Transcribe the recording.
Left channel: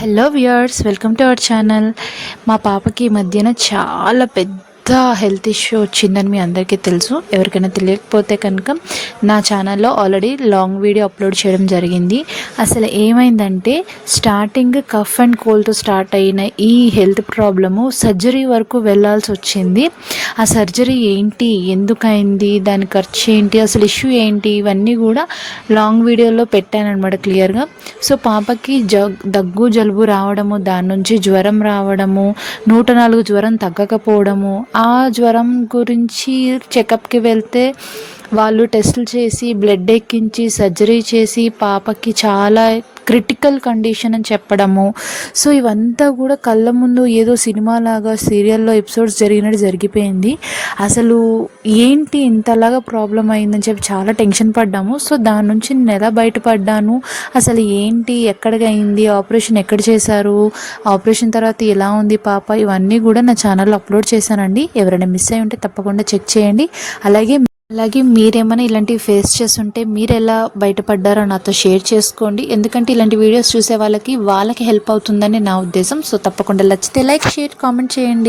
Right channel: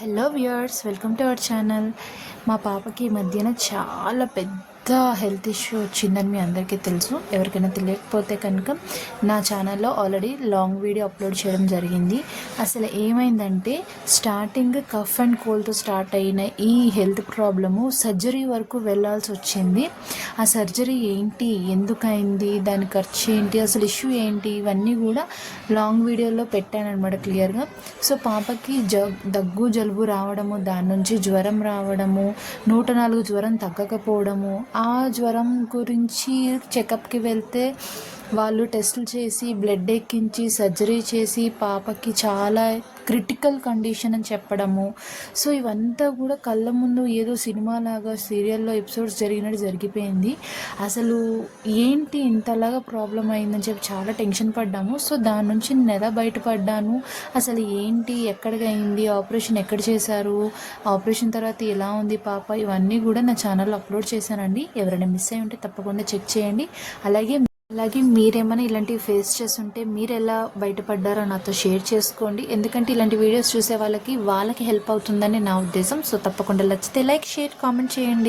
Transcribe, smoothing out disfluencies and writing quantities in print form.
Hello viewers, welcome to our channel. మా పాపకి ఈ మధ్యన చాలా పెద్ద హెల్త్ ఇష్యూ వచ్చిందని మీ అందరికీ తెలుసు. ఎవరికైనా తెలియకపోతే కనుక నా ఛానల్లో ఆల్రెడీ లాంగ్ వీడియో అప్లోడ్ చేయడం జరిగింది. అసలు ఏమైందంటే స్టార్టింగ్ కఫ్ అండ్ కోల్డ్తో స్టార్ట్ అయిన ఈ హెల్త్ ప్రాబ్లము సర్జరీ వరకు వెళ్ళాల్సి వచ్చింది. ఆ సర్జరీ ఏంటి, ఎందుకైంది, దాని ఖర్చు ఏంటి, అసలు ఇష్యూ ఏంటి, ఇవన్నీ కూడా లాంగ్ వీడియోలో పెట్టాను అనమాట క్లియర్గా. సో పాపకి దగ్గు జలుబు రావడము, దాని నుంచి జ్వరం రావడము, 104 జ్వరం తగ్గకపోవడము, ఆ జ్వరం గురించి చెకప్కి వెళ్తే వాళ్ళు టెస్టులు చేసి బ్లడ్ ఎక్కించి సర్జరీ చేసి పాపకి చాలా క్రిటికల్ కండిషన్ అని చెప్పడము. సో ఇవంతా కూడా కళ్ళ ముందు ఏదో సినిమాలాగా సీరియల్లో ఎపిసోడ్స్ జరిగినట్టు జరిగిపోయింది. అసలు ఏంటి ఇంతలాగా ప్రాబ్లం అయిందని చెప్పి చాలా టెన్షన్ పడ్డాము. సో దాని నుంచి నేను ఎలా బయటపడ్డాను, అసలు ఏంటి, ఎక్కడికి అయింది, ఆపరేషన్ ఎక్కడ చేశారు, ఆపరేషన్ తర్వాత ఎలా ఉంది పాప, ఇవన్నీ కూడా నా ఛానల్లో అప్లోడ్ చేశానండి. ఎవరైనా మిస్ అయి ఉంటే తప్పకుండా చెక్ చేయండి. అలాగే మీరేమైనా ఇలాంటివి ఫేస్ చేస్తుంటే మీరు ఎలా బయటపడ్డారో నాతో షేర్ చేసుకోండి. ఎందుకంటే ఇలాంటి వీడియోస్ చూసే వాళ్ళకి హెల్ప్ అవుతుందని నా ఉద్దేశం. సో తప్పకుండా నచ్చితే లైక్, షేర్, కామెంట్ చేయండి.